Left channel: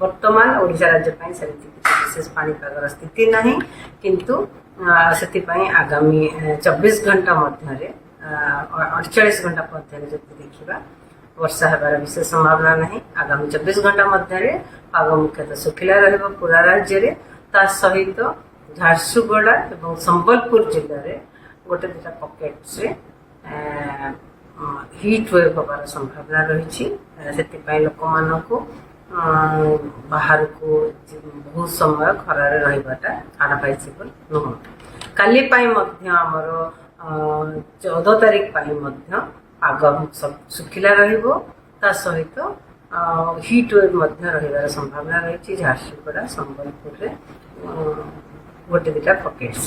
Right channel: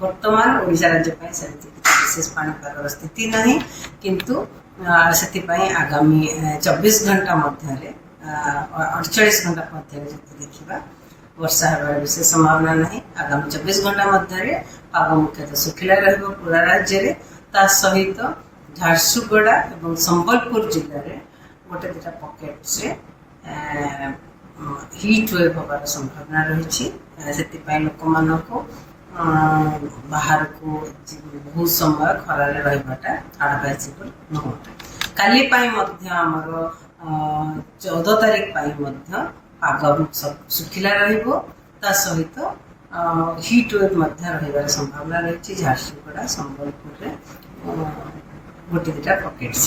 वर्तमान ओडिशा राज्य ପାଇଁ ସେମିତି विशेष पाणीपागर स्थिति नहीं किंतु से आगामी 24 घंटा मध्य 48 घंटा मध्य देखा वर्षा होबार विशेष संभावना नहीं। आगामी 24 घंटा मध्य पाग मुख्यतः सुखिला रहिबो पूरा राज्य रे। ता सहित झारसुगुड़ा और संबलपुर जिले में गोटे दुटा पॉकेट्स रे हीट वेव होबार संभावना रही। से लोक मानक बाहर को बहुत समय खरारे रहिबाटा एडवाइजेबल नुह। काली आमर 14 तारीख पाग सुखिला रहिबो। ता सहित हीट वेव रहिबार संभावना रही। झारसुगुड़ा संबलपुर रे गोटे दुटा पॉकेट्स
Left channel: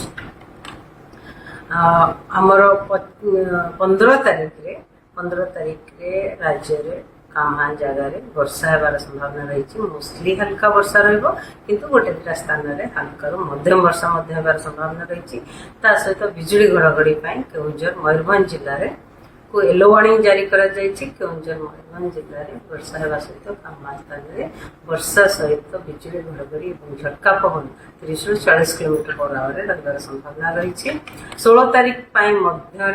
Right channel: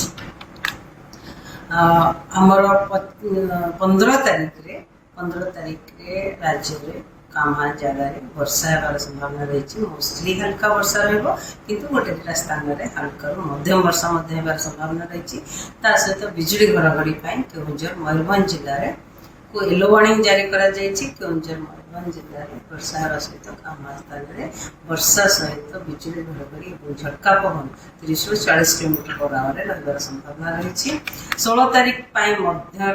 आमर 15 तारीख रे राज्य रे कामा जगार वर्षा होबार संभावना रही। मोस्टली हल्का वर्षा रहिबो किंतु गोटे दुटा स्थान रे हल्का मध्यम वर्षा होबार संभावना रही। ता सहित बिजुली घड़घड़ी केउंझर मयूरभंज जिले में को येलो वार्निंग जारी करा जायछि। केउंझर मयूरभंज जिले में वर्षा होगा सहित कामा स्थान में वर्षा सहित बिजुली घड़घड़ी और झटका पवन 30 ରୁ 40 km/h रहिबार संभावना रही। 16 तारीख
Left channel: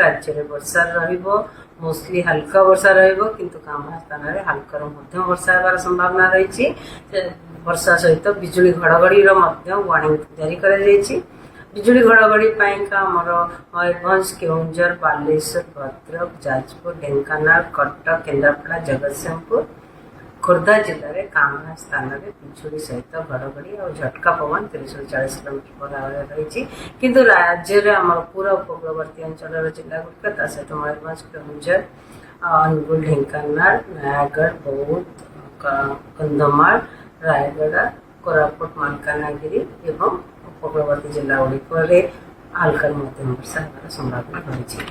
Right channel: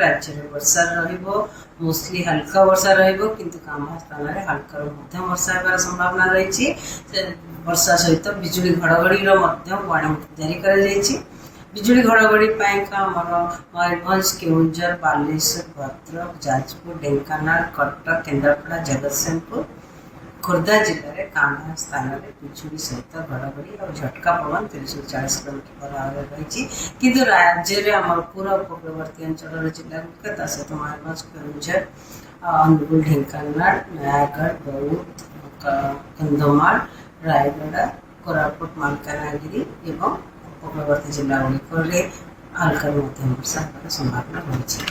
राज्य में वर्षा रहिबो। मोस्टली हल्का वर्षा रहिबो किंतु कामा स्थान में हल्का मध्यम वर्षा होबार संभावना रही। वर्षा सहित बिजुली घड़घड़ी वार्निंग जारी करा जायछि। बिजुली घड़घड़ी आमर मयूरभंज केउंझर बालेश्वर भद्रक जाजपुर ढेंकानाल कटक केन्द्रापड़ा जगतसिंहपुर खोर्धा जिले में कामा स्थान में बिजुली सहित घड़घड़ी और झटका पवन 30 ରୁ 40 km/h रही। किंतु राज्य में आम पूरा उपकूलवर्ती अंचल जिला गुड़िक सहित मयूरभंज केउंझर अनुगुल ढेंकानाल नयागढ़ बौद्ध कंधमाल रायगड़ा कोरापुट मालकानगिरी एवं उपकूलवर्ती जिला गुड़िक हल्का मध्यम वर्षा होबार संभावना रही।